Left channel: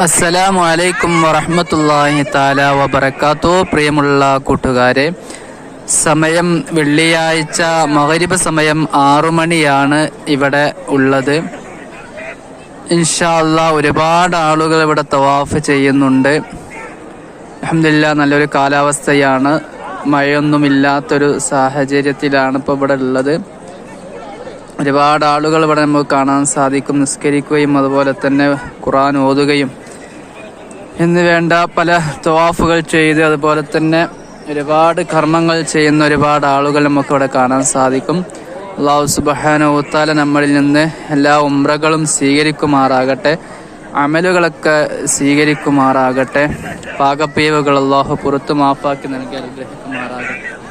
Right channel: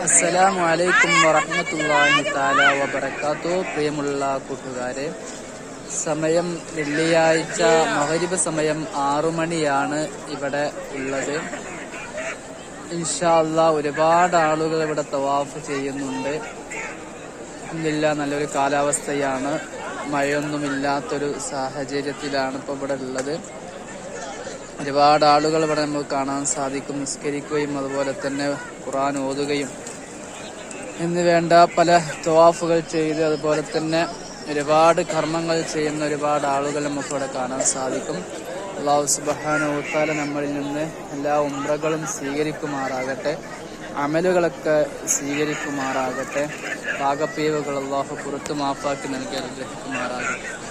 അസ്സലാമു അലൈക്കും വറഹമത്തല്ലാഹി താല വബറകാത്തു. പ്രിയമുള്ള കൂട്ടുകാരെ സമയം വെള്ളിയാഴ്ച മഗ്രിബ് സമയം ആറു മണിയാണ് ഇവിടെ ഉള്ളത്. ഇൻഷാല്ല ഒരുപാട് ആളുകൾ ഇവിടെ തവാഫ് ചെയ്യുന്നുണ്ട്. അഹമ്മദില്ല നല്ലൊരു കാലാവസ്ഥയാണ്. മഴയൊന്നുമില്ലാത്തൊരു സാഹചര്യത്തിലാണ് ഇപ്പോൾ ഇവിടെ ഉള്ളത്. ഒരുപാട് ആളുകൾ ഇവിടെ നമുക്ക് കാണാൻ സാധിക്കും. നിസ്കരിക്കുകയും അതുപോലെ തന്നെ ഖുറാൻ ഓതുകയും എന്ന് വേണ്ട പല തവാഫുകൾ ചെയ്ത് അതുപോലെ തന്നെ ഒരുപാട് കർമ്മങ്ങൾ ചെയ്യുന്ന ഒരുപാട് ആളുകൾ നമുക്ക് ഇവിടെ കാണാൻ സാധിക്കും. അള്ളാഹു സുബാന ഊത്താല നമ്മളിൽ നിന്ന് എല്ലാ ഉമ്രകളും സ്വീകരിക്കുമാറാകട്ടെ അമലുകളൊക്കെ സ്വീകരിക്കുമാറാകട്ടെ പാകപ്പീവുകൾ അള്ളാഹു പുറത്തു മാപ്പാക്കി നൽകി അനുഗ്രഹിക്കുമാറാകട്ടെ.